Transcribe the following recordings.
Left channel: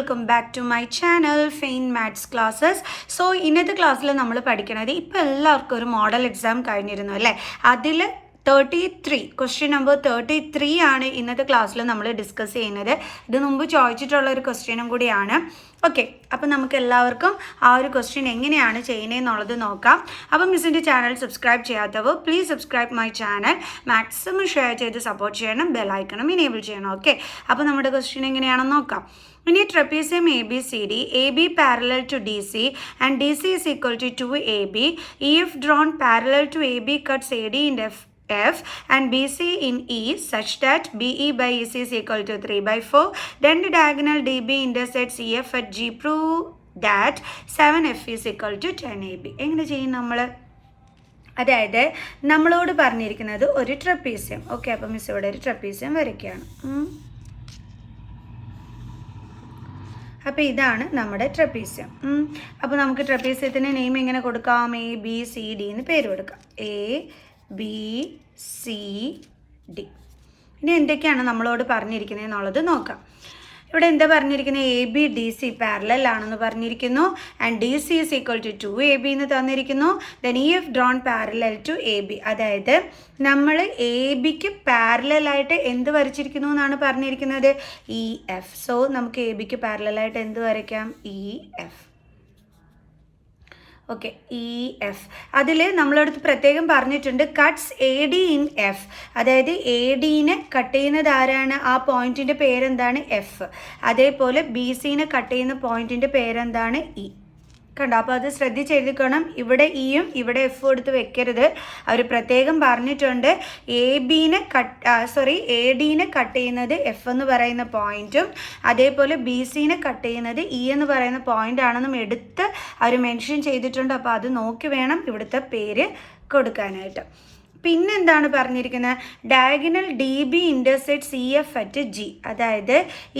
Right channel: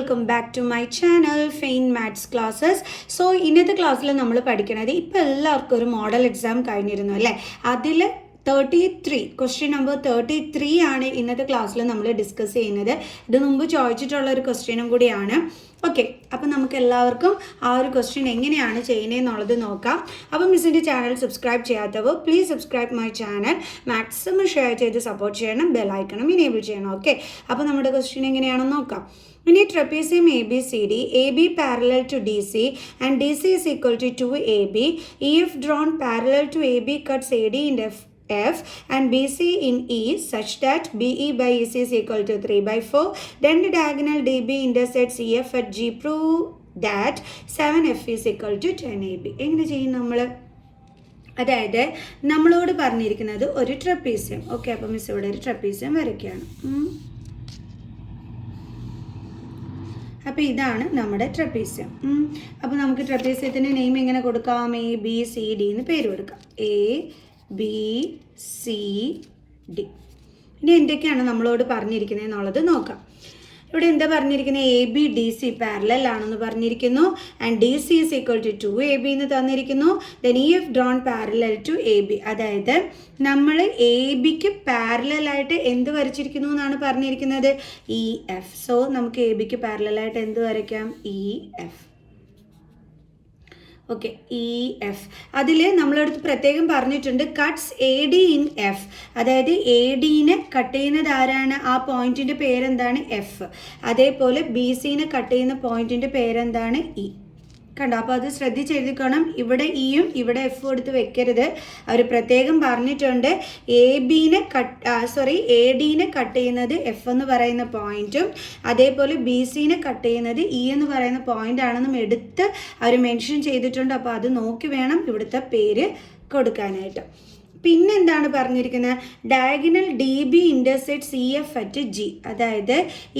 Welcome back to my channel Fein maths classes. So ഇന്നത്തെ ക്ലാസ്സിൽ നമ്മൾ പഠിക്കുന്നത് ഇപ്പോൾ എല്ലാവർക്കും ഒരു മോഡൽ എക്സാം കഴിഞ്ഞിരുന്നു അല്ലേ. അതിൽ 33 ക്വസ്റ്റ്യൻ നമ്പർ 33 ആണ് ഇന്നത്തെ ക്ലാസ്സിൽ നമ്മൾ ഡിസ്കസ് ചെയ്യുന്നത്. ഇത് മുമ്പ് ചോദിച്ചിട്ടുള്ള ഒരു ക്വസ്റ്റ്യനും കൂടിയാണ്. ഓക്കെ, അപ്പോൾ നമുക്ക് എല്ലാവർക്കും ആ ഒരു ക്വസ്റ്റ്യൻ എങ്ങനെയാണ് ചെയ്യുന്നതെന്നുള്ളത് നോക്കാം. അപ്പോൾ മിസ്സിൻ്റെ ചാനൽ സബ്സ്ക്രൈബ് ചെയ്യാത്തവർ please subscribe my channel, maximum share ചെയ്ത് സപ്പോർട്ട് ചെയ്യണം, ബെല്ലൈക്കണം ഇനേബിൾ ചെയ്യണം. ഓക്കെ, അപ്പോൾ നമ്മുടെ ക്വസ്റ്റ്യൻ എങ്ങനെയാണെന്ന് നോക്കാം. In a trapezium ABCD, AB parallel to DC and DC is equal to 2AB, EF drawn parallel to AB cuts AD in F and BC in E such that BE by EC is equal to 3/4. Then the diagonal DB intersects EF at G. Prove that 7F is equal to 10AB. എങ്ങനെ ചെയ്യും നമ്മൾ? അതായത് നമ്മളോട് പറഞ്ഞിരിക്കുന്നത് ഒരു trapezium. Okay, അപ്പോൾ miss ഇവിടെ ഒരു ട്രപ്പീസിയം വരയ്ക്കുകയാണ്. അപ്പോൾ ഇതാണ് നമ്മുടെ ട്രപ്പീസിയം. അപ്പോൾ നമുക്ക് ട്രപ്പീസിയത്തിൻ്റെ നെയിം എങ്ങനെ കൊടുക്കാം? ABCD എന്ന് പേര് കൊടുക്കാം. ABCD. ഇനി എന്തൊക്കെയാണ് നമ്മളോട് പറഞ്ഞിരിക്കുന്നത് എന്നുള്ളത് നോക്കാം. ഇവിടെ എന്താ പറഞ്ഞിരിക്കുന്നത്? ABDC പാരലൽ ആണെന്ന് പറഞ്ഞിരിക്കുന്നു. And DC is equal to 2AB എന്ന് തന്നിരിക്കുന്നു. Then EF drawn parallel to AB. അതായത് നമ്മൾ ABക്ക് പാരലായിട്ട് എന്ത് വരച്ചിരിക്കുന്നു എന്നാണ് പറഞ്ഞിരിക്കുന്നത്? EF. സോ നമുക്ക് ABക്ക് പാരലായിട്ട് എന്ത് വരയ്ക്കാം? EF. Okay, EF. അതിൽ നമ്മളടുത്ത് പ്രത്യേകം പറഞ്ഞിട്ടുണ്ട് കട്ട്സ് AD ഇൻ F. അതായത് ADനെ കട്ട് ചെയ്യുന്നത് ആരാണ്? ആ പോയിന്റിൻ്റെ പേരെന്താണ്? F. അതേപോലെ BCനെ കട്ട് ചെയ്യുന്ന പോയിന്റിൻ്റെ പേരെന്താണ്? E. കണ്ടോ? അപ്പോൾ അത് ശ്രദ്ധിച്ചെഴുതിക്കണം. ഇവിടെ ഇയും ഇവിടെ എഫ് എടുത്ത് വെക്കരുത്. അവർ പ്രത്യേകം പറഞ്ഞിട്ടുണ്ട് ADനെ കട്ട് ചെയ്യുന്നത് F എന്ന് പറയുന്ന പോയിന്റും അതേപോലെ BCനെ കട്ട് ചെയ്യുന്നത് E എന്ന് പറയുന്ന പോയിന്റ് ആണെന്നും എടുത്ത് അവർ മെൻഷൻ ചെയ്തിട്ടുണ്ട്. അപ്പോൾ അത് നോക്കി വേണം ഇവിടുത്തെ പേര് കൊടുക്കാനായിട്ട്. പിന്നെന്താണ് പറഞ്ഞിരിക്കുന്നത്? Diagonal DB ഇൻ്റർസെക്ട്സ് EF at G. അതായത്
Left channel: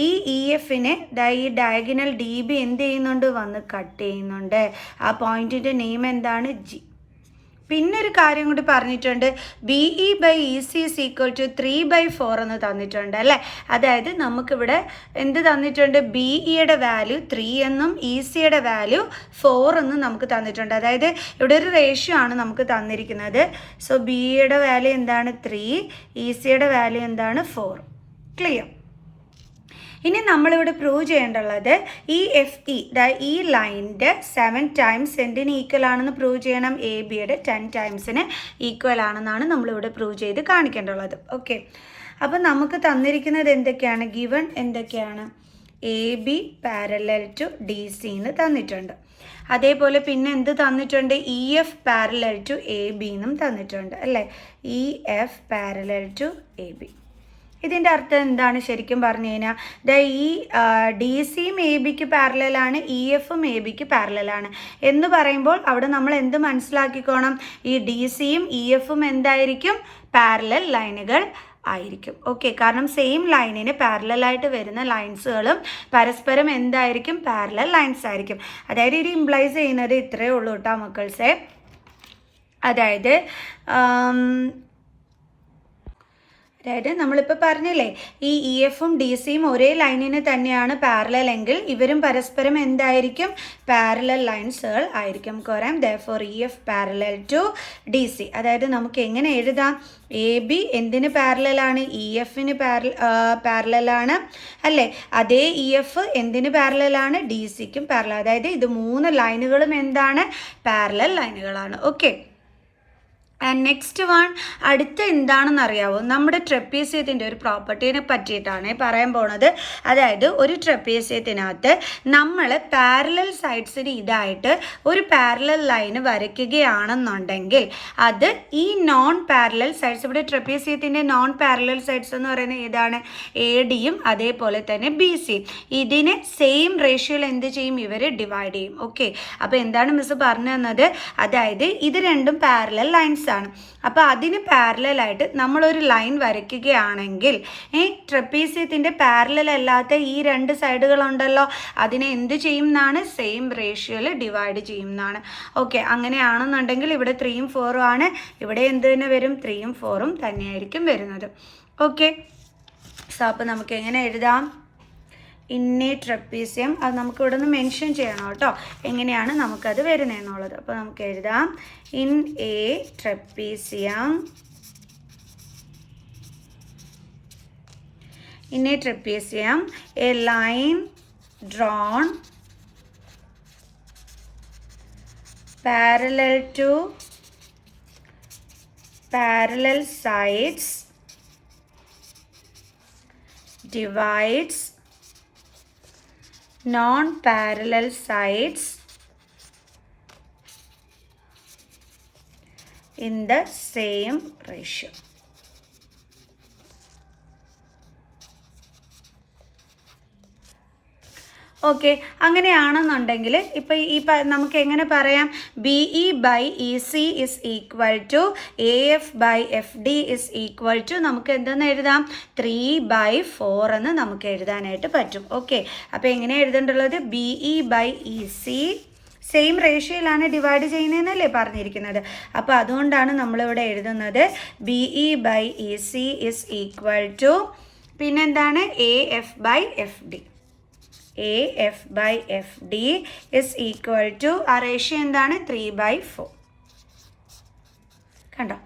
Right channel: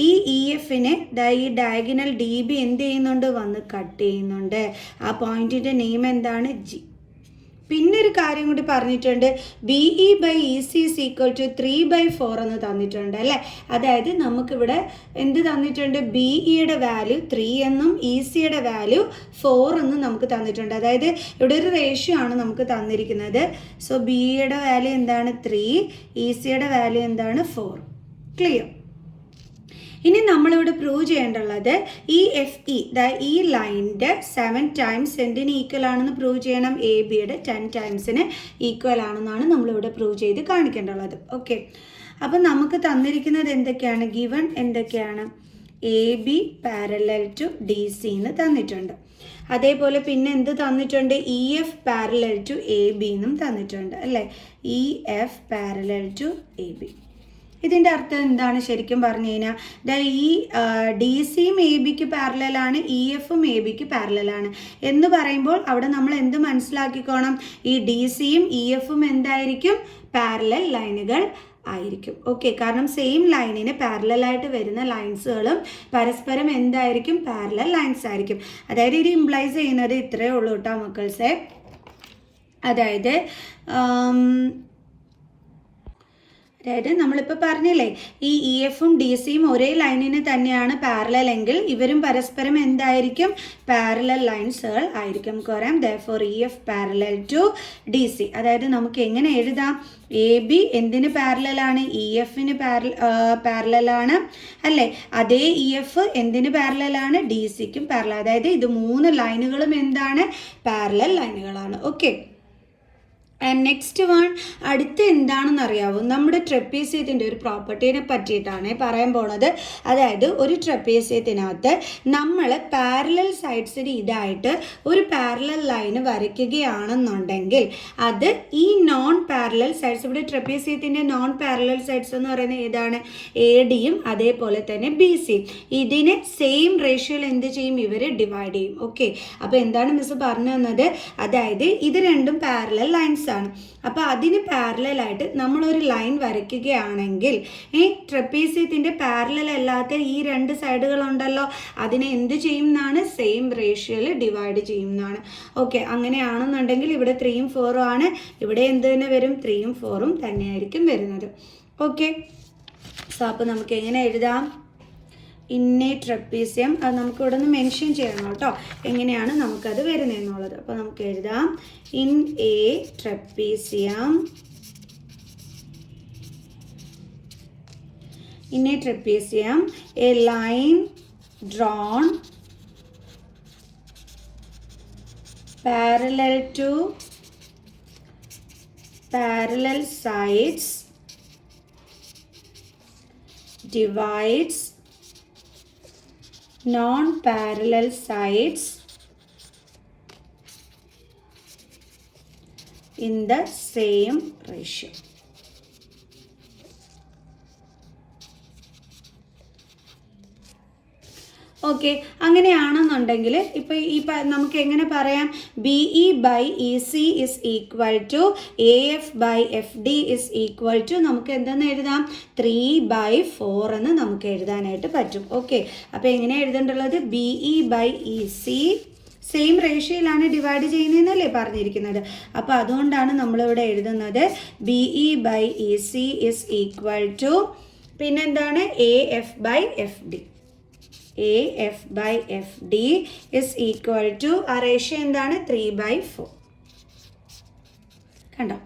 ഈ EFനെ ഈ ഡയഗണൽ DB എന്ത് ചെയ്യുന്നുണ്ട്? വന്ന് കട്ട് ചെയ്യുന്നുണ്ട്. ആ പോയിന്റിൻ്റെ നെയിം എന്താണ്? G. പിന്നെ ഒരു കാര്യം കൂടി പറഞ്ഞിട്ടുണ്ട്, BE by EC is equal to 3/4 എന്ന് തന്നിട്ടുണ്ട് അല്ലേ. അതായത് നമുക്കിവിടെ എന്ത് തന്നിട്ടുണ്ട്? BEയുടെ വാല്യൂ 3 എന്നും ECയുടെ വാല്യൂ 4 എന്നും നമുക്ക് തന്നിട്ടുണ്ട്. അതായത് ഇവിടെ ഒരു റേഷ്യോ ആണ് നമുക്ക് തന്നിരിക്കുന്നത്. സോ BEയുടെ വാല്യൂ എന്താണ്? 3, ECയുടെ വാല്യൂ എന്താണ്? 4. ക്ലിയർ? ഇനി നമ്മളിവിടെ പ്രൂവ് ചെയ്യേണ്ടുള്ളത് ഈ FE ഈ ലൈനിൻ്റെ 7 ടൈംസ് എന്തിന് ഈക്വൽ ആണെന്ന് പ്രൂവ് ചെയ്യണം? ABയുടെ 10 ടൈംസിന് ഈക്വൽ ആണെന്നാണ് നമ്മളിവിടെ പ്രൂവ് ചെയ്ത് കാണിക്കേണ്ടുള്ളത്. ഓക്കെ, അപ്പോൾ നമുക്ക് തന്നിരിക്കുന്നത് എന്തൊക്കെയാണ്? ഗിവൺ എന്തൊക്കെയാണ്? AB പാരലൽ ടു DC എന്ന് തന്നിട്ടുണ്ട്. അതേപോലെ പിന്നെ എന്ത് തന്നിട്ടുണ്ട്? EF പാരലൽ ടു AB എന്നും തന്നിട്ടുണ്ട് അല്ലേ. EF parallel to AB. ഇതിൻ്റെ അർത്ഥം എന്താണ് ശരിക്കും പറഞ്ഞു കഴിഞ്ഞാൽ? ഈ DCയും ABക്ക് പാരലലാണ്, EFും ABക്ക് പാരലലാണ് എന്ന് പറയുമ്പോൾ അവിടെ നമ്മൾ എന്ത് മനസ്സിലാക്കിക്കോണം? ഈ DCയും EFും എന്തായിരിക്കും? പാരലൽ ലൈനുകൾ ആയിരിക്കും. ഓക്കെ, കാരണം സെയിം ലൈനിന് പാരലായിട്ട് വരുന്ന ലൈൻസുകളും പരസ്പരം എന്തായിരിക്കും? പാരലൽ ലൈൻസ് ആയിരിക്കും. അതായത് ഇത് ഇംപ്ലൈസ് ചെയ്യുന്നത് ഇത്രയേ ഉള്ളൂ കേട്ടോ മക്കൾസെ. അതായത് നമ്മളിപ്പോൾ പറഞ്ഞില്ലേ ഈ EFും DCയും ഒരേ ലൈനിന് തന്നെയാണ് പാരലൽ എങ്കിൽ ഇവരും പരസ്പരം എന്തായിരിക്കും? പാരലൽ ലൈൻസുകൾ ആയിരിക്കും. കോരാം therefore EF parallel to DC. അതായത് നമുക്ക് എങ്ങനെ എഴുതാം? AB എന്തിന് പാരലലാണ്? EFന് പാരലലാണ് അല്ലേ. അതേ EF എന്തിന് പാരലലാണ്? DCക്കും പാരലൽ. അതായത് ഇത് 3 ലൈനുകളും എന്താണ്? പാരലൽ ലൈനുകളാണ്. ഓക്കെ, ആൻഡ് നെക്സ്റ്റ് വൺ അടുത്ത എന്താണെന്ന് അറിയാവോ? നമ്മുടെ ട്രപ്പീസിയത്തിൻ്റെ ഒരു പ്രോപ്പർട്ടീനെ പറ്റിയിട്ടാണ് പറയാൻ പോണത്. അതായത് ഒരു ട്രപ്പീസിയത്തിനകത്ത് നമ്മൾ പാരലൽ സൈഡ്സിന് ഇതായിട്ട് ഒരു പാരലൽ ലൈന് വരയ്ക്കുകയാണെന്നുണ്ടെങ്കിൽ അത് ഈ നോൺ പാരലൽ സൈഡ്സ്, ഇവിടെ ട്രപ്പീസിയത്തിൻ്റെ നോൺ പാരലൽ സൈഡ്സ് എന്ന് പറയുന്നത് ഏതാണ്? ADയും അതേപോലെ തന്നെ BCയും. ഇതിനെ സെയിം റേഷ്യോയിൽ എന്ത് ചെയ്യും? ഇവർ ഡിവൈഡ് ചെയ്യും. ഓക്കെ, അപ്പോൾ എന്താണ് മിസ് പറഞ്ഞു തന്നത്? അതായത് ഇത് രണ്ടും പാരലൽ ലൈൻസ് ആണ്. അപ്പോൾ അതിന് പാരലായിട്ട് നമ്മളൊരു ലൈൻ വരയ്ക്കുകയാണെങ്കിൽ ഈ ട്രപ്പീസിയത്തിൻ്റെ പാരലൽ അല്ലാത്ത ഈ 2 സൈഡുകളുണ്ടല്ലോ അതിനെ എന്ത് ചെയ്യും എന്നാണ്? സെയിം റേഷ്യോയിൽ ഡിവൈഡ് ചെയ്യും എന്നാണ്. ഓക്കെ, അങ്ങനെയാണെന്നുണ്ടെങ്കിൽ ഇവിടെ 3ഉം 4ഉം ആണ്. ഇവിടെ എന്ത് തന്നെ വരും? 3ഉം 4ഉം തന്നെയായിരിക്കും വരുന്നത്. ഓക്കെ, സോ അപ്പോൾ നമുക്ക് എങ്ങനെ എഴുതാം? In A trapezium. അത് നമുക്ക് ഇവിടെ നിന്ന് മെൻഷൻ ചെയ്യണം കേട്ടോ, എങ്ങനെയാണ് നമുക്കത് വരുന്നതെന്നുള്ളത്. അപ്പോൾ നമുക്ക് എഴുതാം in A trapezium. In a trapezium, a line drawn parallel sides divides non-parallel sides in the same ratio. Okay, അങ്ങനെയാണെന്നുണ്ടെങ്കിൽ ഇപ്പോൾ നമുക്ക് എങ്ങനെ പറയാം, BE/EC is equal to AF/FD is equal to നമുക്ക് എന്തെന്ന് എഴുതാം 3/4 എന്ന് നമുക്ക് എഴുതാനായിട്ട് പറ്റും. ഓക്കെ, അപ്പോൾ എങ്ങനെ എഴുതേണ്ടുള്ളത്, BE/EC സെയിം റേഷ്യോയിലാണ് ഡിവൈഡ് ചെയ്യുന്നതെന്നല്ലേ പറഞ്ഞിരിക്കുന്നത്. അപ്പോൾ അതുകൊണ്ടാണ് നമ്മളിവിടെ എഴുതുന്നത് BE/EC ഇസ് ഈക്വൽ ടു പിന്നെന്താണ് AF/FD. AF/FD is equal to ആ റേഷ്യോ എന്താണ് 3/4. കണ്ടോ,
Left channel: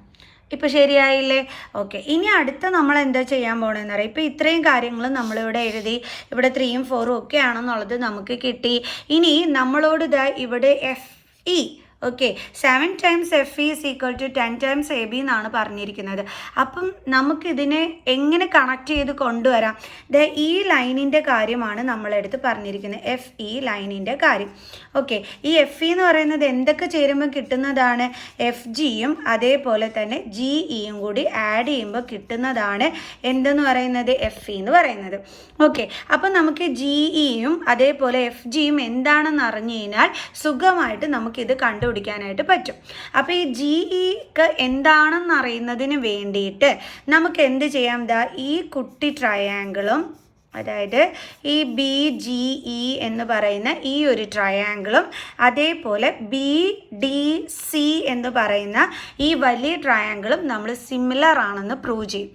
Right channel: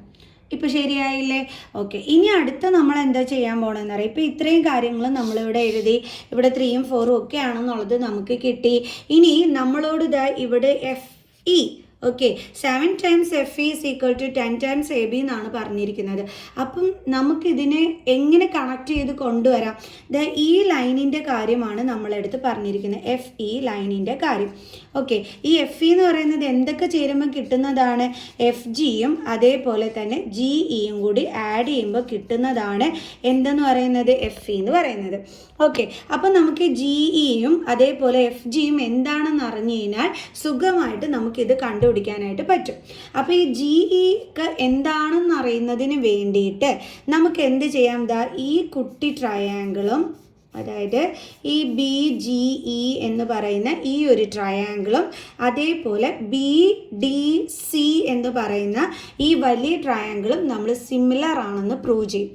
ഇപ്പോൾ ശരിയായില്ലേ? ഓക്കെ, ഇനി അടുത്ത നമ്മൾ എന്താ ചെയ്യാൻ പോകണമെന്ന് അറിയാം. ഇപ്പോൾ ഇത്രയും കാര്യങ്ങൾ നമ്മളിവിടെ എഴുതി, ഇവിടെ 3ഉം 4ഉം ഒക്കെ ആണെന്നുള്ളത് നമുക്ക് കിട്ടി. ഇനി നമ്മളോട് ഇതാ ഇവിടെ FE, okay, 7 times FE is equal to 10 times AB എന്നാണ് പറഞ്ഞിരിക്കുന്നത്. അപ്പം നമുക്കിതിനെ എങ്ങനെ കണക്ട് ചെയ്ത് കൊണ്ടുവരാം? ഈ ലൈനിൻ്റെ കാര്യമാണ് നമ്മളെടുത്ത് പറഞ്ഞിരിക്കുന്നത്, FE ലൈനിൻ്റെ കാര്യം. ഓക്കെ, ഈ FE എന്ന് പറയുന്നത് എന്തൊക്കെ ചേരുമ്പോൾ കിട്ടുന്നതാണ്, FGയും അതേപോലെ തന്നെ GEയും കൂടി ആഡ് ചെയ്യുമ്പോൾ കിട്ടുന്നതാണ് എന്തെന്ന് പറയുന്നത്, FE എന്ന് പറയുന്നത്. ഓക്കെ, അപ്പം നമുക്ക് GEയും അതേപോലെ FGയും എന്താണെന്ന് അറിഞ്ഞു കഴിഞ്ഞാൽ സുഖമായിട്ട് നമുക്കിത് കണ്ടുപിടിക്കാനായിട്ട് പറ്റും. അപ്പോൾ ഈ GEക്ക് എന്താണെന്ന് അറിയുന്നതിന് വേണ്ടിയിട്ട് നമുക്ക് എന്ത് ചെയ്യാം, ഈ കുട്ടി ട്രയാങ്കിളും അതായത് ഈ BGE എന്ന് പറയുന്ന ഈ ഒരു ട്രയാങ്കിളും അതേപോലെ BDC എന്ന് പറയുന്ന ഈ വലിയ ട്രയാങ്കിളും നമ്മൾ സിമിലർ ആണെന്ന് പ്രൂവ് ചെയ്യും.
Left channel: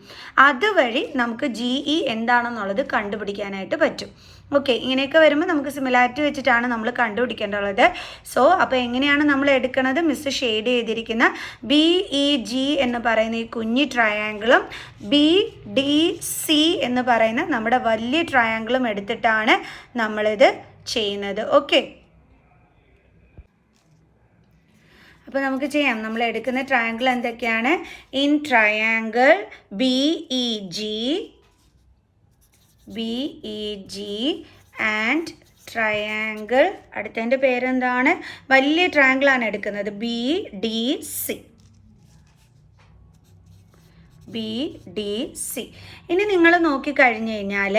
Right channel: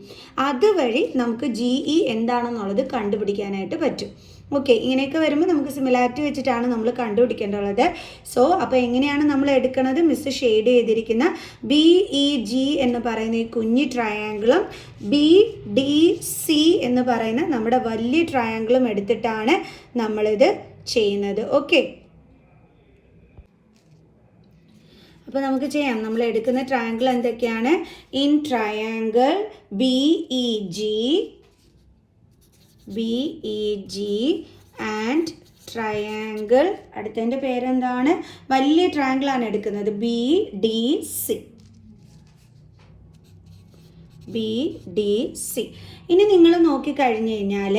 അതുവഴി നമുക്ക് GE എന്താണെന്നുള്ളത് കണ്ടുപിടിക്കാനായിട്ട് പറ്റും. ഓക്കെ, ഇങ്ങനെയൊക്കെ വരുമ്പോൾ നമുക്ക് സിമിലാരിറ്റി വെച്ചിട്ടാണ് നമ്മൾ കണ്ടുപിടിക്കേണ്ടത്. സോ അപ്പോൾ എങ്ങനെയാണ് നമ്മൾ എടുക്കുന്നത്, മിസ് ഷെയ്ഡ് ചെയ്തിരിക്കുന്ന BEG എന്ന് പറയുന്ന ഈ കുഞ്ഞി ട്രയാങ്കിളും BDC എന്ന് പറയുന്ന നമ്മുടെ വലിയ ട്രയാങ്കിളും എടുത്തിട്ടാണ് നമ്മളിത് ചെയ്യുന്നത്. ഓക്കെ, അപ്പോൾ നമുക്ക് ചെയ്യാം. നമ്മൾ എടുക്കുന്ന ട്രയാങ്കിൾ എന്തൊക്കെയാണ്, in triangle BEG and triangle അടുത്തതിൻ്റെ പേരെന്താണ്, വലിയ ട്രയാങ്കിളാണ് എടുക്കുന്നത്, BDC. ഇനി നിങ്ങൾ നോക്കിക്കഴിഞ്ഞ് കഴിഞ്ഞാൽ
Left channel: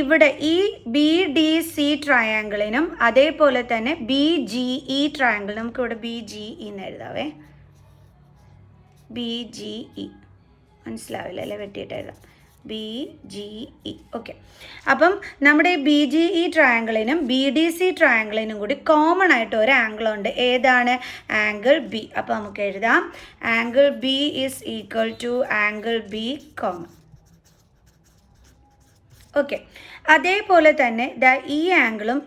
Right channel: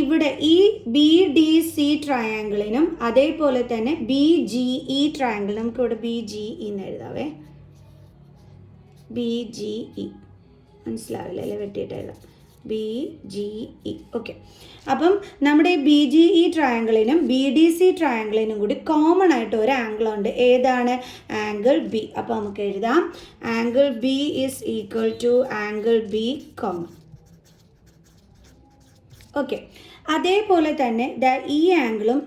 ഇവിടെ ഈ BDC ട്രയാങ്കിളിനും അതേപോലെ തന്നെ BGE ട്രയാങ്കിൾ, നമുക്കിവിടെ BGE എന്ന് എഴുതാവേ, BGE മനസ്സിലാവില്ല അല്ലേ, വെട്ടിയിട്ട് എഴുതാം BGE. ഓക്കെ, അപ്പം നമ്മുടെ BGE ട്രയാങ്കിളിനും BDC ട്രയാങ്കിളിനും കൂടി കോമൺ ആയിട്ട് ഒരു ആംഗിളുണ്ട്, ഏതാണ്, ആംഗിൾ B. അപ്പോൾ നമുക്ക് എഴുതാം angle B is equal to angle B common. Okay, അതേപോലെ തന്നെ ഈ ആംഗിളും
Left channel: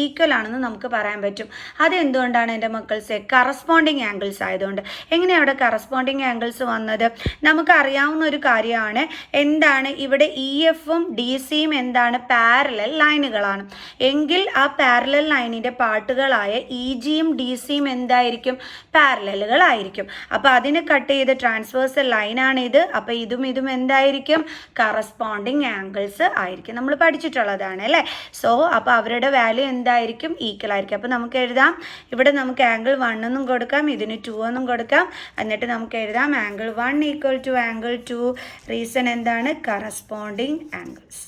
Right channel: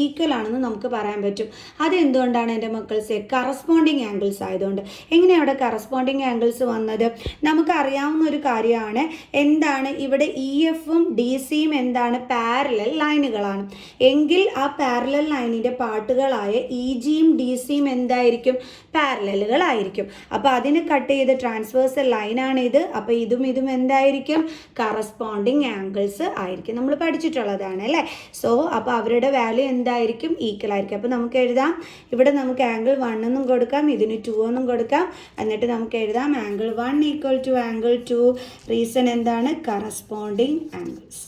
ഈക്വൽ ആണെന്ന് നമുക്ക് പറയാൻ പറ്റും. അതെന്തുകൊണ്ടാണ് എൻ്റെ മക്കൾസ്, കറസ്പോണ്ടിങ് ആംഗിൾസ് ആയതുകൊണ്ട്. എങ്ങനെയാണ് അവിടെ കറസ്പോണ്ടിങ് ആംഗിൾസ് വന്നത്, നമുക്കറിയാവുന്ന ഒരു കാര്യമാണ്. എന്താണ് ഇവിടെ EFഉം DCയും എന്താണ്, പാരലൽ ലൈനുകളാണ്. എങ്കിൽ ആ പാരലൽ ലൈനിൻ്റെ പാർട്ടുകളായ EGയും DCയും എന്തായിരിക്കും, പാരലലുകളായിരിക്കും. അപ്പോൾ അതിന് കട്ട് ചെയ്ത ട്രാൻസ്വേഴ്സൽ ലൈനാണിത്. അപ്പോൾ ഇതും എന്തായിരിക്കും, കറസ്പോണ്ടിങ് ആംഗിൾസ് ആയിരിക്കും. നമ്മൾ പഠിച്ചിട്ടുള്ളതാണ് അല്ലേ. സോ അപ്പോൾ അവരുടെ വാല്യൂ എന്തായിരിക്കും, ഈക്വൽ ആയിരിക്കും. അപ്പോൾ നമുക്ക് എഴുതാം, ഇവിടെ നമുക്ക് ആംഗിൾ 1 എന്നും കൊടുക്കാം, ഇതിന് 2 എന്നും കൊടുക്കാം. എന്നിട്ട് നമുക്ക് എഴുതാം angle 1 equal to angle 2. Reason എന്താണ്, കറസ്പോണ്ടിങ് ആംഗിൾസ്.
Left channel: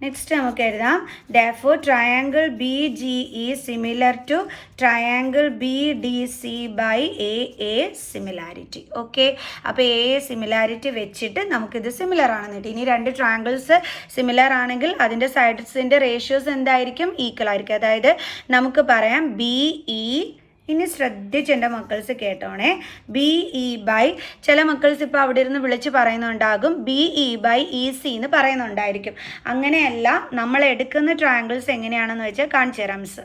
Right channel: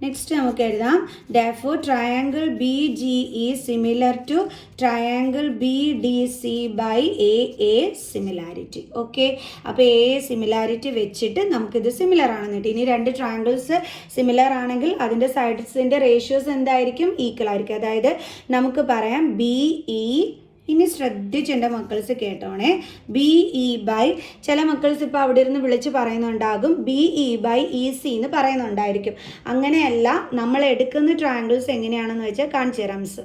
നെക്സ്റ്റ് നമുക്ക് എഴുതാം, therefore triangle BGE similar to triangle BDC by AA similarity. Okay, അപ്പോൾ AA സിമിലാരിറ്റി വെച്ചിട്ട് നമുക്കിത് സിമിലർ ആണെന്നിട്ട്. ഇനി രണ്ട് ട്രയാങ്കിൾസ് സിമിലർ ആണെങ്കിൽ അതിൻ്റെ സൈഡ്സിൻ്റെ റേഷ്യോസ് എന്തായിരിക്കും, ഈക്വൽ ആയിരിക്കും. അതായത് നമുക്ക് പറയാം BE ഇനി ശ്രദ്ധിച്ച് എൻ്റെ മക്കൾസ് കേട്ടോണേ. ബി ഇ ബൈ, ചില മക്കൾസ് ഇപ്പോൾ അവിടെ ഇരുന്ന് വിളിച്ച് പറയുന്നുണ്ടാകും B E by E C എന്ന് പറയുന്നുണ്ടായിരിക്കും. അങ്ങനെയല്ല, നമ്മൾ എടുക്കുന്ന ട്രയാങ്കിൾസ് എങ്ങനെയാണെന്ന് വെച്ചാൽ കാണിച്ചു തരാം മിസ്.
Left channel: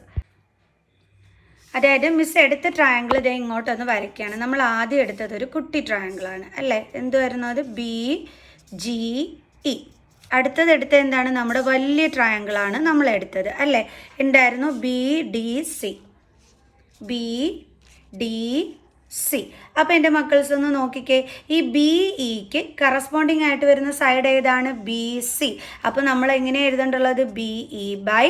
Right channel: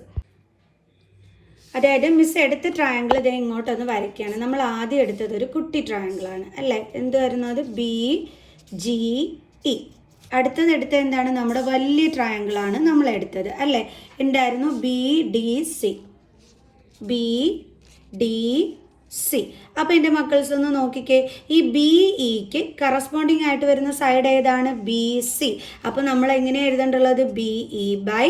അതായത് മിസ് എടുത്ത ട്രയാങ്കിൾ ഇതേ ഇങ്ങോട്ടൊന്ന് വരയ്ക്കുകയാണ്. നമ്മൾ ആദ്യം എടുത്തത് ഒരു കുട്ടി ട്രയാങ്കിളാണ് അല്ലേ, എന്തുവായിരുന്നു അത്, ബി ജി ഇ. അടുത്തത് എടുത്തത് എന്താണ്, നമ്മുടെ വലിയ ട്രയാങ്കിളാണ് നമ്മൾ എടുത്തത് അല്ലേ, ഉണ്ടായിരുന്നു B D C, B D C. അപ്പോൾ എൻ്റെ മക്കൾസ് ഒന്ന് നോക്കിക്കേ, ഈ ബി ഇക്ക് കറസ്പോണ്ടിങ് ആയിട്ട് വരുന്ന സൈഡ് ഏതാണ്, ബി സി. അപ്പോൾ നമ്മൾ എങ്ങനെ എഴുതേണ്ടുള്ളത്, B E by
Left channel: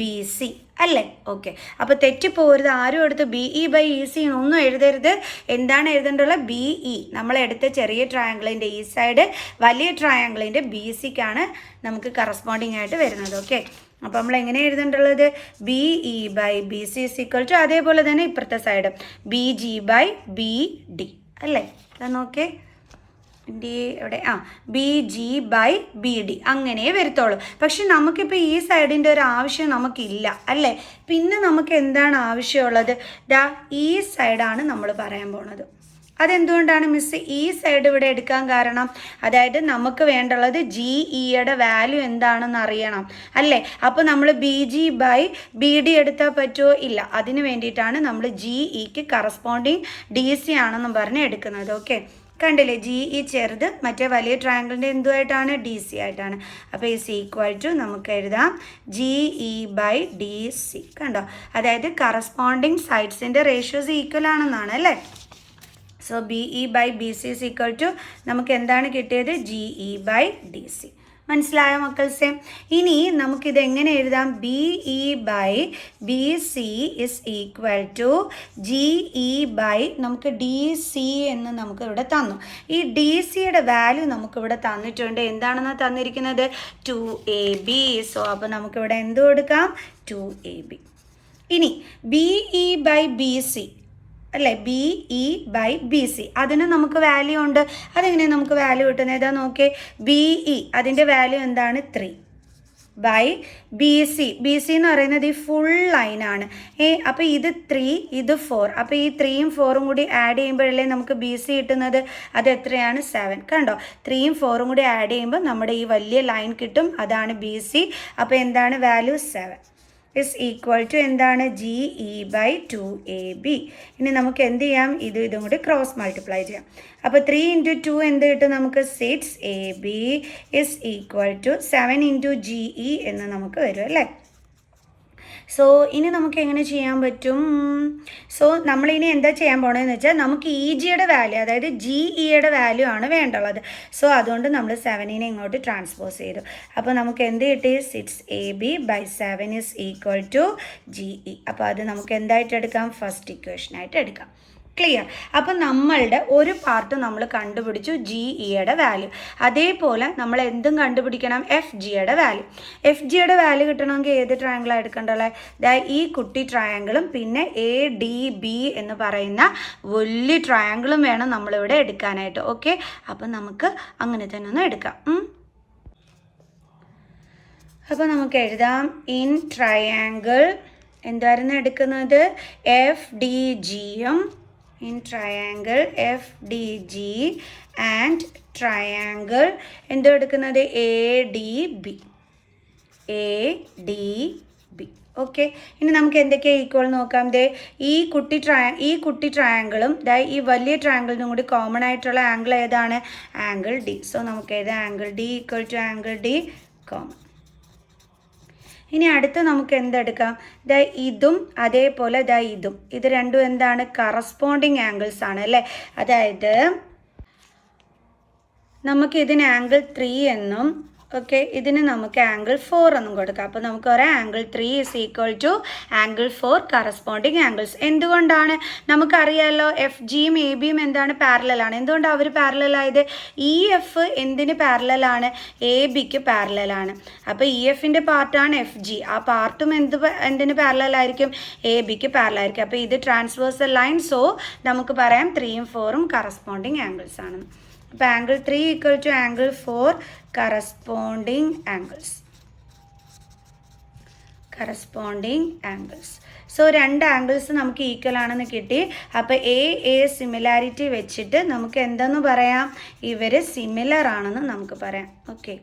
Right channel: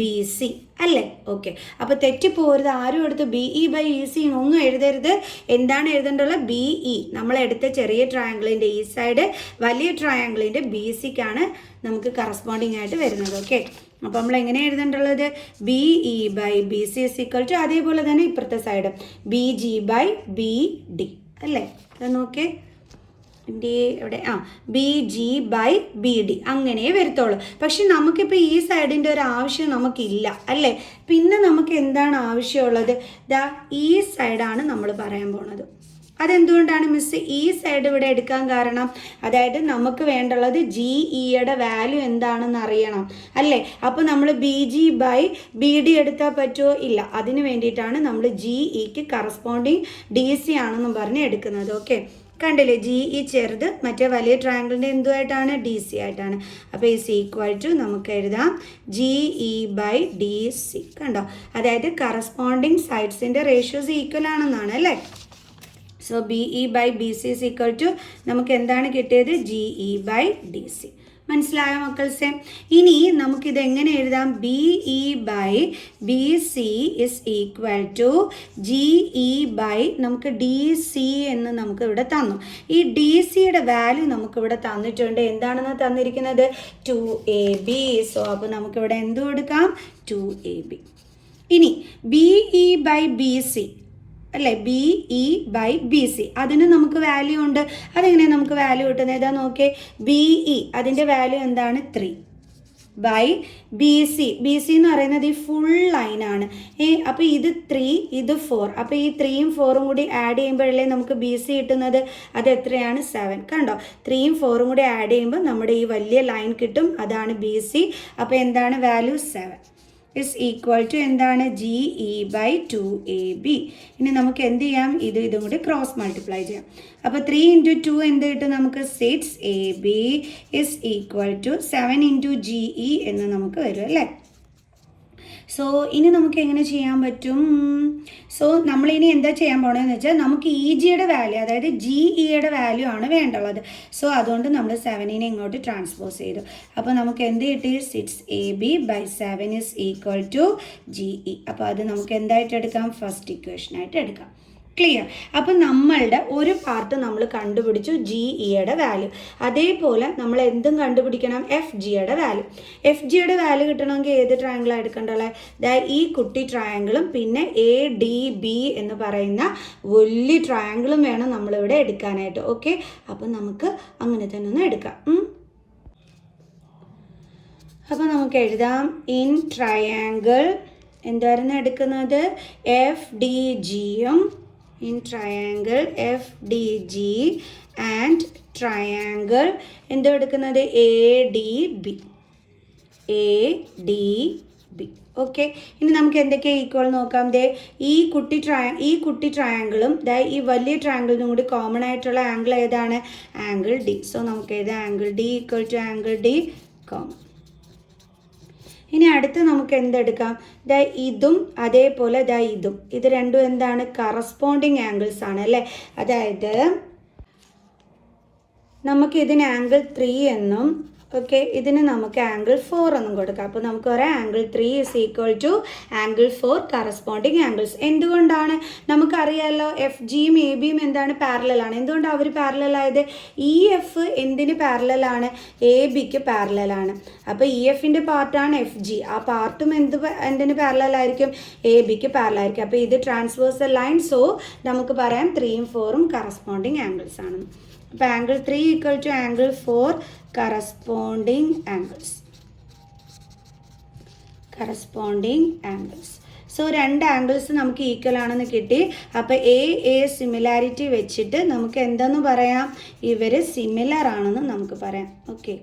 B C അല്ലേ. ഓക്കെ, അപ്പോൾ തെറ്റിപ്പോകരുത്, ആരും എടുത്ത് B E by E C ഒന്നും എഴുതരുത്. എന്താണ് എഴുതേണ്ടുള്ളത്, ബി ഇ, നമ്മളെടുത്ത ചെറിയ ട്രയാങ്കിളിൻ്റെ ഈ സൈഡ്, വലിയ ട്രയാങ്കിളിൻ്റെ ബി സിക്കാണ് നമുക്ക് കറസ്പോണ്ടിങ് ആയിട്ട് വരുന്നത്. ഓക്കെ, അപ്പോൾ നമ്മൾ എങ്ങനെ എഴുതേണ്ടുള്ളത്, B E by B C is equal to, അതേപോലെ തന്നെ ഇപ്പുറത്തെ side B G by B D അല്ലേ. നോക്കേ, ഡി എവിടെ, B G by B D അങ്ങനെ വരത്തുള്ളൂ. പക്ഷെ നമുക്കിപ്പോൾ ഈ സൈഡിൻ്റെ ഒരു ആവശ്യം നമുക്കില്ല അല്ലേ. പിന്നെ നമുക്ക് എന്താണ് ആവശ്യമുള്ളത്, ഈ സൈഡാണ് നമ്മൾ പറയാൻ പോണത്. അതെന്തുകൊണ്ടാണ് മിസ് ഈ സൈഡ് ഇവിടെ എടുക്കാൻ കാരണം, അതായത് നമുക്ക് വേണ്ടുള്ളത് ജി ഇയുടെ വാല്യൂ എന്താണെന്ന് അറിയണം അല്ലേ. അപ്പോൾ നമ്മൾ B G by B D എടുത്താൽ പറ്റുമോ, ഇല്ല. അതിന് വേണ്ടിയിട്ടാണ് നമ്മൾ ജി ഇക്ക് കറസ്പോണ്ടിങ് ഡി സി ആണെന്ന് പറഞ്ഞ് എടുക്കുന്നത്. ഓക്കെ, കണ്ടില്ലേ, ജി ഇ ചെറുത്, മറ്റേ വലിയ ട്രയാങ്കിളിൻ്റെ എന്തുമായിട്ടാണ്, ഡി സി ആയിട്ടാണ്. അപ്പോൾ ഈസ് ഈക്വൽ ടു നമുക്ക് എഴുതാം G E by D C. കണ്ടോ, അതായത് കറസ്പോണ്ടിങ് സൈഡ്സിൻ്റെ റേഷ്യോസ് ഈക്വൽ ആണെന്നാണ് അല്ലേ. So B E by B C is equal to നമുക്ക് എന്താണ് കിട്ടിയത്, G E by D C. മനസ്സിലായോ മക്കൾസെ? ഇനി നമുക്കിത് എങ്ങനെ എഴുതാം, B E by B C is equal to G E by നമുക്ക് ഡി സി എന്ന് നമുക്ക് ഇവിടെ തന്നു. ഈ ഡി സിയുടെ വാല്യൂ നമുക്കിവിടെ തന്നിട്ടുണ്ട്. എന്താണെന്ന് തന്നിരിക്കുന്നത്, 2AB. സോ അപ്പോൾ നമുക്കിവിടെ എന്ത് കൊടുക്കാം, 2AB. ഇനി B E by B C അല്ലേ, B E by B C, അതിന് നമുക്ക് വാല്യൂ ഉണ്ട്. അതെങ്ങനെയാണ് നമുക്ക് വാല്യൂ കിട്ടുന്നത്, ഏതാ നോക്കിയേ, ബി ഇ അതിൻ്റെ വാല്യൂ എന്താണ്, 3 by B C. B C എന്ന് പറയുന്നത് ഈ ഫുൾ ലൈനാണ്. അപ്പോൾ ഇത് 3, ഇത് 4. അപ്പോൾ ഈ 3ഉം 4ഉം കൂടി ആഡ് ചെയ്യുമ്പോഴല്ലേ നമുക്ക് ബി സി കിട്ടുന്നത്. അത് എത്രയാണ്, 7. കണ്ടോ, 3ഉം 4ഉം കൂടി ആഡ് ചെയ്യുമ്പോൾ നമ്മുടെ ഈ വലിയ ലൈൻ കിട്ടും, അതാണ് ബി സി. അപ്പോൾ എന്താണ് വാല്യൂ, 7 ഇസ് ഈക്വൽ ടു എന്താണ്, ജി ഇ ബൈ 2AB. ഇനി നമുക്ക് എന്ത് ചെയ്യാം, ഇതും കൂടി ക്രോസ് മൾട്ടിപ്ലൈ ചെയ്യാം. അപ്പോൾ 3 × 2 എന്ത് കിട്ടും നമുക്ക്, 6AB is equal to 7 × GE എന്ന് നമുക്ക് വരും അല്ലേ. സോ ഇനി നമുക്ക് എങ്ങനെ ചെയ്യാൻ പറ്റും, സോ നമ്മളിനി എന്താ ചെയ്യാൻ പോകണമെന്ന് വെച്ചാൽ നമുക്ക് ഇ ജിയുടെ വാല്യൂ, അതായത് ജി ഇയുടെ വാല്യൂ ആണ് വേണ്ടുള്ളത്. സോ അതുകൊണ്ട് നമ്മൾ 7നെ ഇങ്ങോട്ട് ട്രാൻസ്പോസ് ചെയ്തു. അപ്പോൾ നമുക്ക് എന്ത് കിട്ടി, 6AB by 7 is equal to GE. അപ്പോൾ അത് നമുക്ക് എന്തായിട്ട് എടുക്കാം, ഫസ്റ്റ് ഇക്വേഷനായിട്ട് എടുക്കാം. ക്ലിയർ. അപ്പം നമ്മളുടെ ഒരു പാർട്ട് നമ്മൾ കണ്ടുപിടിച്ചു, ജി ഇയുടെ വാല്യൂ. അതേപോലെ നമ്മൾ എന്തും കണ്ടുപിടിക്കണം, എഫ് ജിയുടെ വാല്യൂ. എഫ് ജിയുടെ വാല്യൂ കിട്ടണമെങ്കിൽ ഏത് ട്രയാങ്കിളാണ് എടുക്കേണ്ടത്, ഈ കുട്ടി ട്രയാങ്കിളും പിന്നെ എ ഡി ബി എന്ന് പറയുന്ന വലിയ ട്രയാങ്കിളും വേണം നമ്മളിവിടെ എടുക്കാനായിട്ട്. ഓക്കെ, അപ്പം നമുക്ക് അങ്ങനെ തന്നെ ഒന്ന് എടുക്കാം. അപ്പോൾ നമുക്ക് എഴുതാം, ഇൻ ട്രയാങ്കിൾ എന്തായിരുന്നു എടുക്കുന്നത്, എഫ് ഡി ജിയും, in triangle FDG and triangle എന്ത് എടുക്കുന്നത്, ADB. ഓക്കെ, ഇനി നമുക്ക് എന്തൊക്കെയാണ് ഈക്വൽ നോക്കാം. ഈ കുട്ടി ട്രയാങ്കിളും ഈ വലിയ ട്രയാങ്കിളിനും കൂടി കോമൺ ആയിട്ടുള്ള ആംഗിൾ ഏതാണ്, ആംഗിൾ ഡി. സോ നമുക്ക് ഏത് angle D equal to angle D common. ഇനി അടുത്ത് നമുക്ക് എന്തെടുക്കാം, ഇതും അതേപോലെ ഇതും, ഇത് രണ്ടും എന്താണ്, കറസ്പോണ്ടിങ് ആംഗിൾസ് ആണ് അല്ലേ. അതായത് നമുക്ക് ഇതിന് ആംഗിൾ 3 എന്നും ഓക്കെ, ഇതിന് നമുക്ക് ആംഗിൾ 4 എന്നും കൊടുക്കാം. അപ്പോൾ നമുക്ക് പറയാം angle 3 is equal to angle 4 corresponding angles. എന്തുകൊണ്ടാണ്, നമുക്കറിയാമല്ലോ എഫ് ജിയും എ ബിയും എന്താണ്, പാരലലാണ്. എന്തുകൊണ്ടാണ് അവർ പാരലലായത്, ഇ എഫ് എന്തിന് പാരലലാണ്, എ ബിക്ക് പാരലലാണ്. അപ്പോൾ ഇ എഫിൻ്റെ പാർട്ടാണ് എഫ് ജി, ആ പാർട്ടും എന്തിന് പാരലലായിരിക്കും, എ ബിക്ക് പാരലായിരിക്കും. അപ്പോൾ ഇത് ട്രാൻസ്വേഴ്സൽ ലൈൻ. സോ നമുക്ക് പറയാം 3ഉം 4ഉം കറസ്പോണ്ടിങ് ആംഗിൾസ് ആണ്. അപ്പോൾ angle 3 equal to angle 4 corresponding angles. So രണ്ട് ആംഗിൾസ് നമുക്ക് ഈക്വൽ ആണെന്ന് കിട്ടി. അപ്പോൾ എ സിമിലാരിറ്റി വെച്ചിട്ട് നമുക്ക് എന്തെന്ന് പറയാം, ഇവർ സിമിലർ ആണെന്ന് നമുക്ക് പറയാം. ഓക്കെ,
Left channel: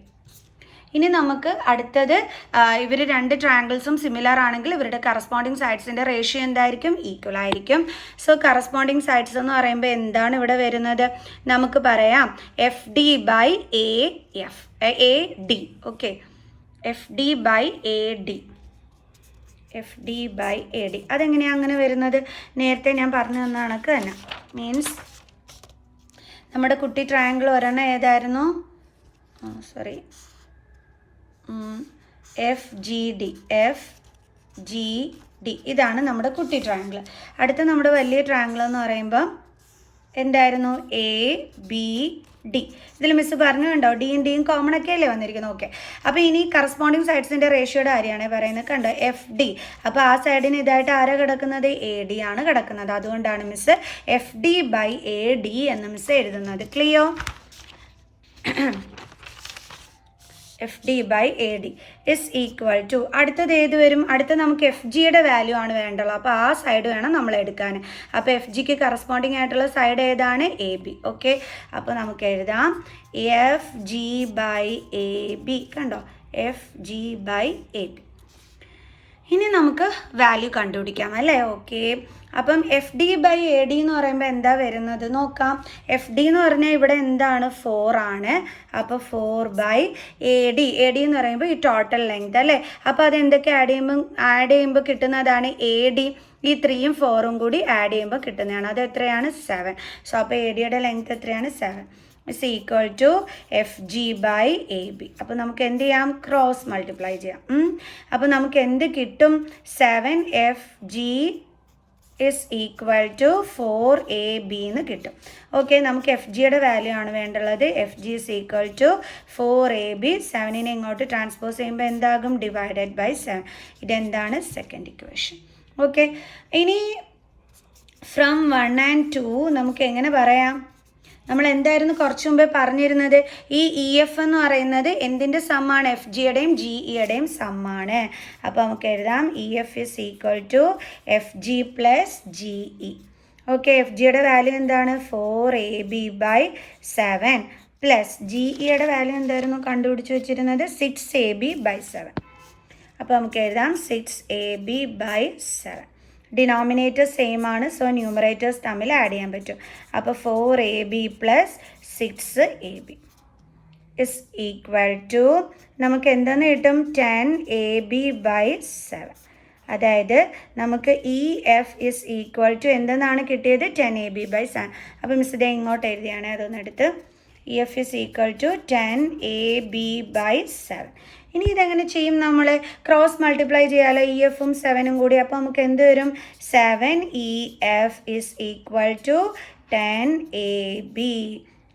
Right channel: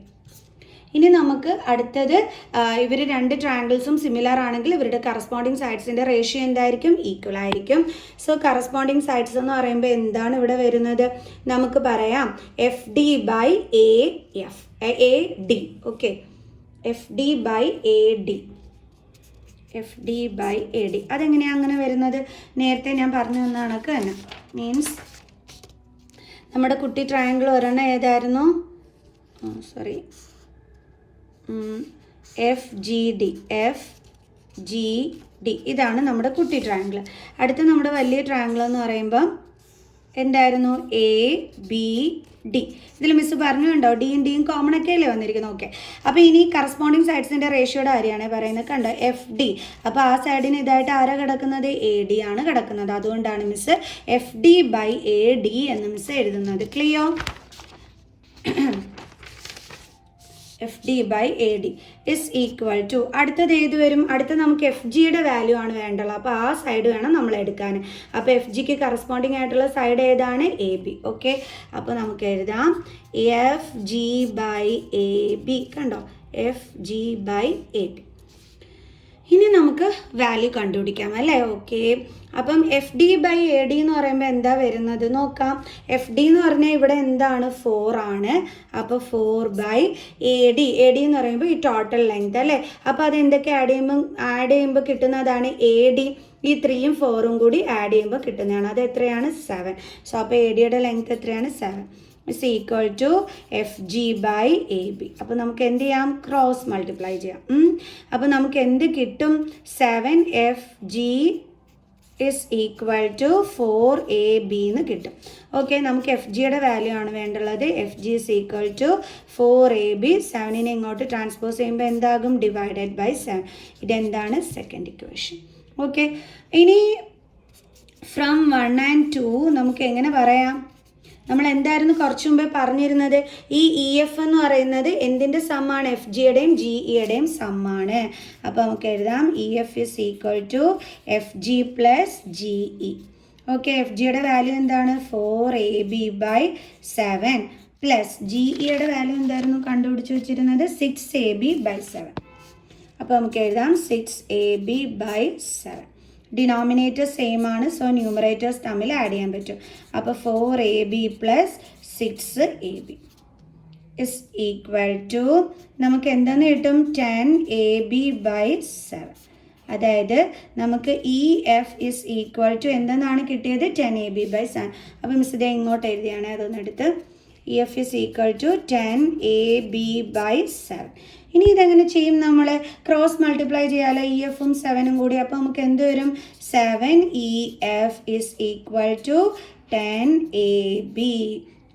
ഇനി നമുക്ക് അടുത്തത് ഇവർ രണ്ട് ട്രയാങ്കിൾസും സിമിലർ ആണെങ്കിൽ ഇവരുടെ കറസ്പോണ്ടിങ് സൈഡ്സിൻ്റെ റേഷ്യോ എന്തായിരിക്കും, ഈക്വൽ ആയിരിക്കും. സോ കറസ്പോണ്ടിങ് സൈഡ്സ് എന്ന് പറയുമ്പോൾ എന്താണ് ഇവിടെ വരുന്നത്, നമുക്ക് പറയാം F D by A D. Okay, F D by A D, F D by A D. അതെങ്ങനെയാണ് അങ്ങനെ വരുന്നത്, നേരത്തെ ഞാൻ പറഞ്ഞു തന്ന കണക്ക് തന്നെ. മീൻസ് നമ്മുടെ കുട്ടി ട്രയാങ്കിൾ ഒരെണ്ണം ഏതായിരുന്നു, സോറി, എഫ് ജി ഡി, ഇതാണ് നമ്മുടെ കുട്ടി ട്രയാങ്കിൾ. അടുത്ത നമ്മുടെ വലിയ ട്രയാങ്കിൾ എന്ന് പറയുമ്പോൾ എന്തായിരുന്നു, എ ബി ഡി. ഇതിൽ മിസ് പറഞ്ഞുണ്ടോ, ഡിയും ഡിയും കോമൺ ഒക്കെ അല്ലേ വന്നിരിക്കുന്നത്. ഓക്കെ, അപ്പോൾ ഇനി കറസ്പോണ്ടിങ് സൈഡ്സിൻ്റെ റേഷ്യോയുടെ കാര്യമാണ് പറയുന്നത്. കണ്ടോ, എഫ് ഡി. അപ്പോൾ ആ സൈഡിന് ഇതായിട്ട് ആരാ കിടക്കുന്നത്, എ ഡി ആണ് കിടക്കുന്നത്. അതുകൊണ്ടാണ് miss F D by A D എന്ന് മിസ് എഴുതുന്നത്. Clear? F D by A D is equal to, അടുത്തത് ഏത് വരും, അടുത്ത നമുക്ക് എഫ് ജിയുടെ വാല്യൂ ആണ് വേണ്ടുള്ളത്. അപ്പോൾ ആ സൈഡ് വേണം നമ്മൾ എടുക്കാൻ. അപ്പോൾ എഫ് ജിക്ക് കറസ്പോണ്ടിങ് ആയിട്ടുള്ള സൈഡ് ഏതാണ്, എ ബി. ഓക്കെ, അപ്പോൾ നമുക്ക് എഴുതാം F G by A B. കണ്ടോ, F G by A B. ഇനി നമുക്ക് വാല്യൂ കണ്ടുപിടിക്കാം അല്ലേ. ഓക്കെ, അപ്പം F D by A D എന്ന് പറയുമ്പോൾ എന്താ വരുന്നത് നോക്കാം. എഫ് ഡി എന്ന് പറഞ്ഞാൽ ഇവിടെ എന്താണ്, 4 ആണ്. അപ്പോൾ 4 ബൈ എ ഡി എന്ന് പറയുമ്പോൾ ഈ ടോട്ടൽ ലെങ്ത് അല്ലേ. അപ്പോൾ അതെന്തൊക്കെ ആഡ് ചെയ്യുമ്പോൾ കിട്ടുന്നതാണ്, എ ഡി ഈ 3ഉം 4ഉം കൂടി ആഡ് ചെയ്യുമ്പോൾ കിട്ടുന്നതാണ്. അത് എത്രയാണ്, 7. സോ അപ്പോൾ എ ഡിയുടെ ലെങ്ത് എത്രയാണ്, 7 is equal to F G by A B. അപ്പോൾ നമുക്ക് എന്ത് ചെയ്യാം, ക്രോസ് മൾട്ടിപ്ലൈ ചെയ്യാം. അപ്പോൾ നമുക്ക് എന്ത് കിട്ടും, 7 F G is equal to 4AB എന്ന് കിട്ടും. ഓക്കെ, നമുക്ക് എഫ് ജിയുടെ വാല്യൂ ആണ് വേണ്ടുള്ളത്. F G is equal to 4AB. 7നെ ഇങ്ങോട്ട് ട്രാൻസ്പോസ് ചെയ്യുമ്പോൾ എന്താകും, ഡിവൈഡഡ് ബൈ 7. ഇതെന്താണ്, സെക്കൻഡ് ഇക്വേഷൻ. ഓക്കെ, ഇനി ഫ്രം 1 and 2 നമുക്ക് എങ്ങനെ പറയാം, നമ്മൾ എന്തായിരുന്നു കുറച്ച് മുമ്പേ പറഞ്ഞിരുന്നത്, ഈ ഇ എഫ് എന്ന് പറയുന്നത് എന്തിൻ്റെ സമ്മാണ്, എഫ് ജിയുടെയും ജി ഇയുടെയും സമ്മാണ്. അപ്പോൾ നമുക്ക് എഴുതാം E F is equal to F G plus G E. Okay, F ജിയുടെ വാല്യൂ എന്താണ്, 4AB ബൈ 7 പ്ലസ് ജി ഇയുടെ വാല്യൂ എന്തായിരുന്നു കണ്ടുപിടിച്ച് വെച്ചിരുന്നത്, 6AB ബൈ 7. അപ്പോൾ നമുക്ക് എഴുതാം 6AB ബൈ 7. ഡിനോമിനേറ്റർ സെയിം ആണ്, സോ ന്യൂമറേറ്റേഴ്സ് തമ്മിൽ ആഡ് ചെയ്യാൻ പറ്റും. അപ്പോൾ 4AB plus 6AB is equal to നമുക്ക് എന്തെന്ന് കിട്ടും, 10AB ബൈ 7. അതായത് നമുക്ക് E F is equal to എന്തെന്നാണ് കിട്ടിയത്, 10AB ബൈ 7. അപ്പോൾ മിസ് ഇതേ ഇങ്ങോട്ട് എഴുതിയാണ്, അതൊന്നെടുത്ത് E F is equal to 10AB by 7. ഇനി ഇതെങ്ങനെ ചെയ്യും, നമ്മൾ ക്രോസ് മൾട്ടിപ്ലൈ ചെയ്യാമല്ലോ, ഇ എഫും 7ഉം കൂടി. അപ്പോൾ നമുക്ക് എന്ത് വരും, 7EF is equal to 10AB.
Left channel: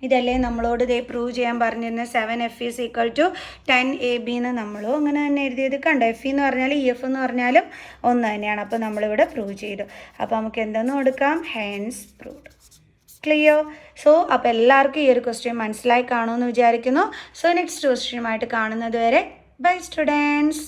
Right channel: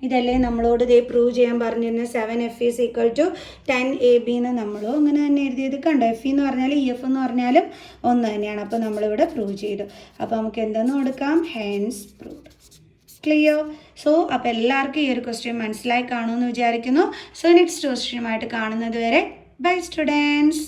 ഇതല്ലേ നമ്മളോട് ഇതേ പ്രൂവ് ചെയ്യാൻ പറഞ്ഞിരുന്നത്, 7F is equal to 10AB എന്ന് നമ്മളും അങ്ങനെ തന്നെ എഴുതിയത്. കണ്ടോ, എഫ് എന്ന് പറഞ്ഞാലും ഇ എഫ് എന്ന് പറഞ്ഞാലും ഒന്ന് തന്നെയാണ്. അപ്പോൾ നമ്മളിവിടെ പ്രൂവ് ചെയ്തു. അപ്പോൾ നമുക്ക് എന്തെന്ന് കൊടുക്കാം, ഹെൻസ് പ്രൂവ്ഡ്. ക്ലിയർ? സോ അപ്പോൾ എല്ലാവർക്കും ഈ ഒരു ക്വസ്റ്റ്യൻ മനസ്സിലായി കാണുമെന്ന് വിചാരിക്കുന്നു. സോ നെക്സ്റ്റ് ക്വസ്റ്റ്യനുമായിട്ട് കാണുന്നത് വരെ ബൈ സ്റ്റുഡൻസ്.